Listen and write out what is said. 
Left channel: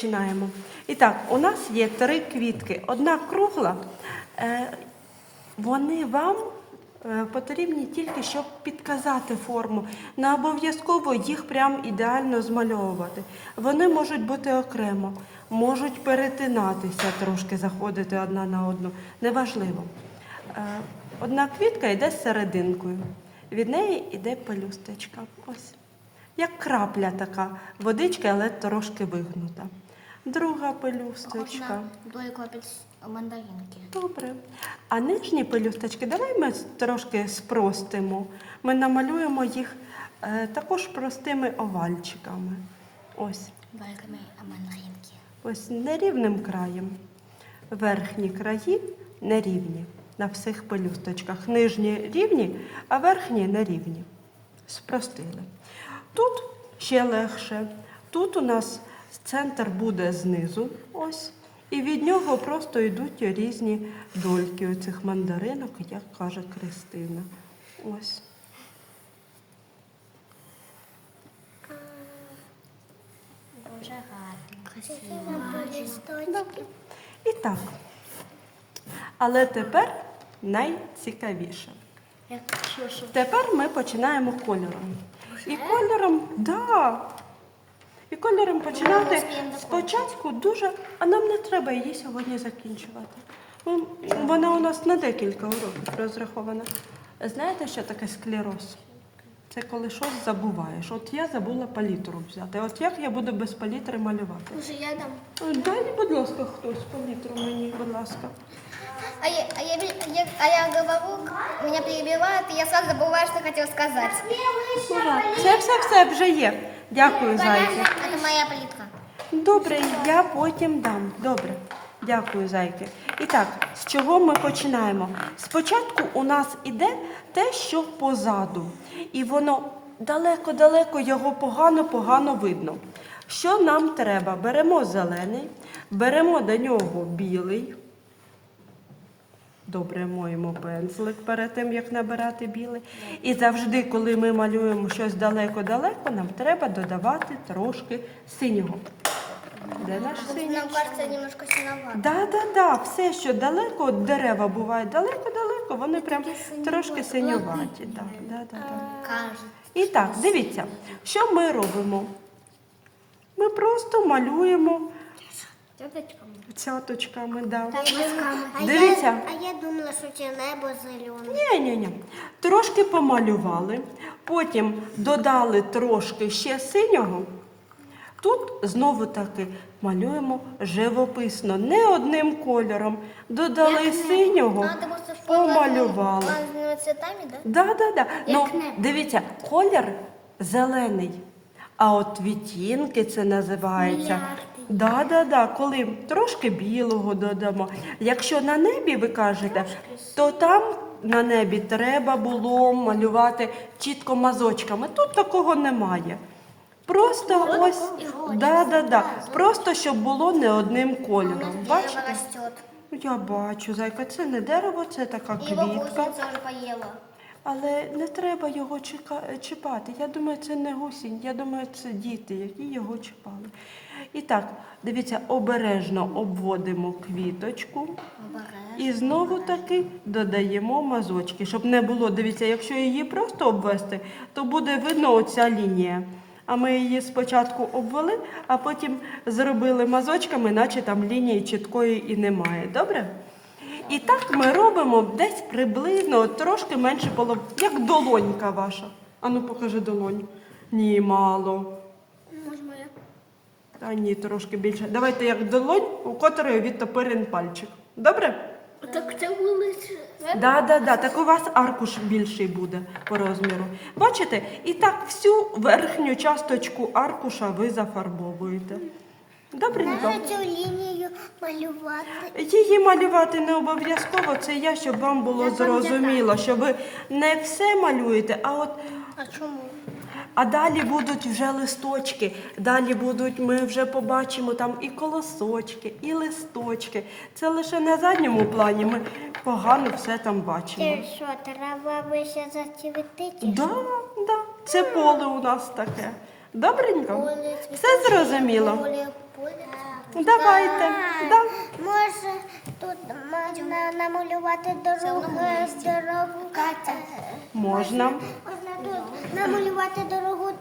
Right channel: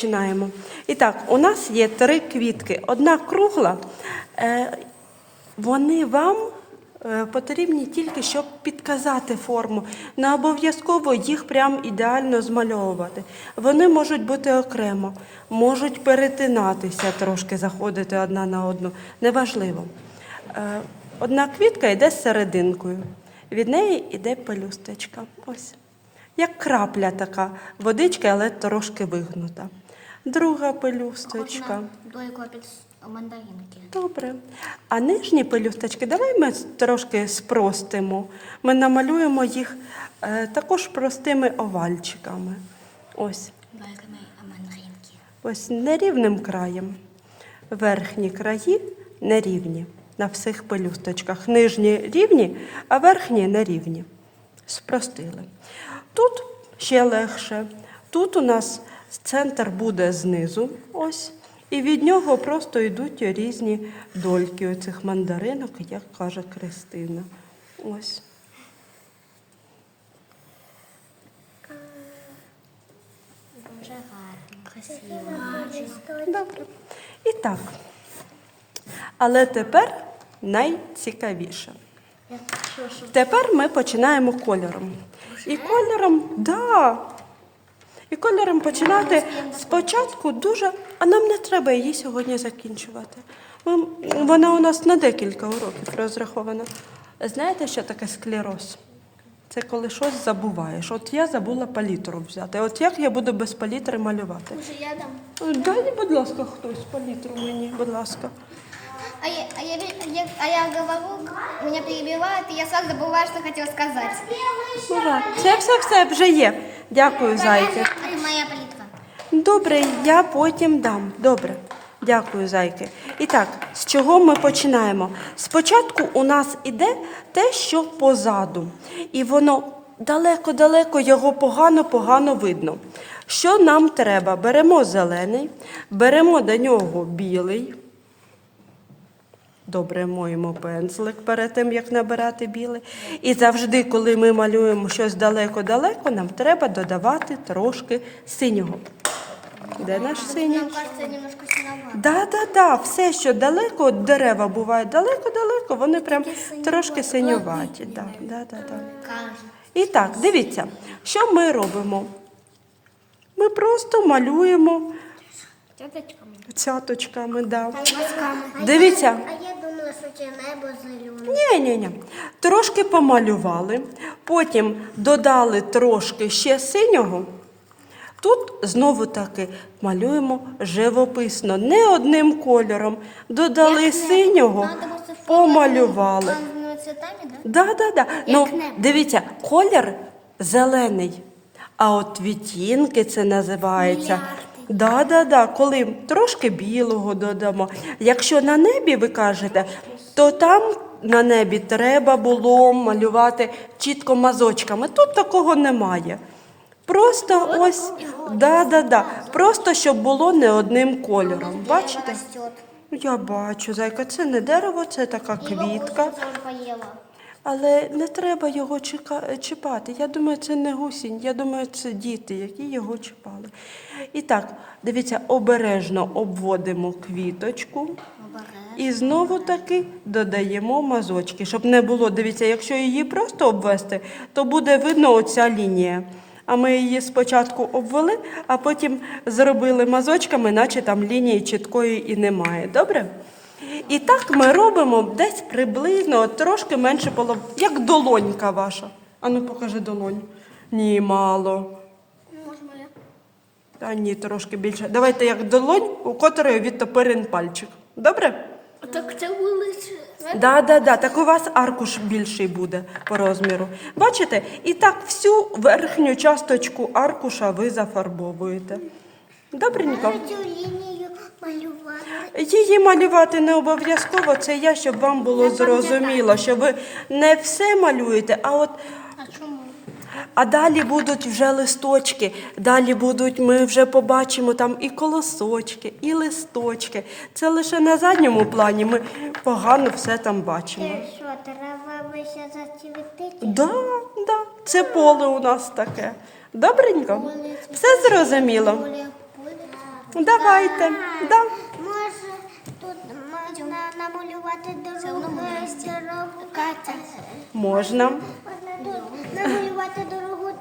Починаємо. І так, у нас є три квітки. Одна кругла. Е, вони вам е, потрібні тільки, щоб підказати форму. Не обов'язково їх прям ідеально змальовувати. Вони можуть бути окремо, можуть перетинатися трошки, заходити одна на одну. Неважливо. Е, одна квітка йде з серединкою. Від неї йде пелюсточка. Ось. Як крапля така водички, але трошки вигнута. Друга пелюсточка. Під мандаринки. Добре. А нижні пелюсточки, давай ми трошки спростимо. Ми намалюємо їх е, також простими овальчиками. Ось, Дойками мандаринки. ось нерівним краєм. Верхні краї нерівні на всіх пелюсточках. Нижні рівні, а верхні нерівні. Спростили. Тут ще легше. Тут у нас центр буде знизу, ось, і від нього просто йдуть різні дольки оцих мандаринок, як каже Кристина. Ось. Дуже гарно. Красиво. Добре. І так. Але тепер найцікавіше. Тепер ми починаємо кольором. І кольором, да. І кольором починати спочатку дуже, а нам не треба її сьогодні закінчувати. Вона у нас на декілька уроків розрахована. Знаєте, що таке склероз? Це коли щось забуваєш. От я забула палітру взяти. От як я буду без палітри малювати? Може, я дам. Дай, будь ласка, хтось палітру мені, будь ласка. А я, а, я, я, а я говорю, меня перебивают, и я сразу забываю, что хотела сказать. Ура. Все, все, все, вже є. Дякую, зайки. Моя. Добре, я потім дам. Добре. Дякую, зайки. І так, з чого ми починаємо? Спочатку у нас іде те, що позаду, і воно далеко-далеко його погано-погано видно. Що нам треба? Беремо зелений, беремо до нього білий. Добре моємо пензлик перед тим, як набирати білий. І завжди, коли ми малюємо щось далеко-далеко, нам треба додавати трошки синього. Де наш синій? Нам кажется, немножко синовато. Да, да, да, все, що далеко, от дерева бувають далеко-далеко, вони прям трошки синюваті. Да, да, да, да. І так, дивіться, що ми робимо? Ми просто малюємо Теточками. цяточками. Да. А Дивіться. А я думала, що це небо зелене. Ні, ні, ні. Трошки помалювали, потім додали трошки ще синього. Тут знову таки малюємо живописно, не одним кольором. Додали синього, помалювали. Разными цветами, да? Да, да, да. Ну, дивіться, колір зелений, а от відтінки це називається. Да, да, да. Коли трошки білого додамо. Якщо на небі ви кажете, то там на небі треба було малювати чітко мазочками. Тут такого немає. Просто ось, да, да, да. Просто щоб було не одним кольором. Бачите? Я бачу, зайка, це не дерево, це така квітка. Але не треба його чіпати. Я думаю, це не гусінь, я думаю, це діти, які його чіпали. І так, дивіться, обережно обводимо квіточку і знову таки додаємо мазочки, щоб не було. Дивіться, якщо її просто обвести, то буде видно оця лінія. А ми її спочатку обвели, а потім зробили мазочками, наче там лінії чіткої і немає. Добре? І так ми робимо десь приблизно от трошки менше половини, як долонька ваша. Ану, покажи долонь. Ні, мало. Може моя? Та ні, трошки більше. Давайте як долонь, у котрої відтопирен пальчик. Добре? Так це вулиця. Да, да, да. Так у вас аркуш більший буде по розміру. Бачите? І так всю верхню часточку аркуша ви зафарбовуєте. Добренько. цю лінію малювати. Її малювати не обов'язково, це я, щоб вам було зрозуміло, що ви не все малюєте, а от А чому? А далі будуть вже листочки, далі будуть, ми вже побачимо там і колосочки, і листочки. Це лише на задньому плані ми погано все там бачимо. що, трава вище зацвітить? Да, да, це поле у нас таке. Добренько? Все зрозуміло? Поле. Давайте. Да. Може тут можна намалювати дорогу. дорогу. Катя. Можна. Можна тут намалювати дорогу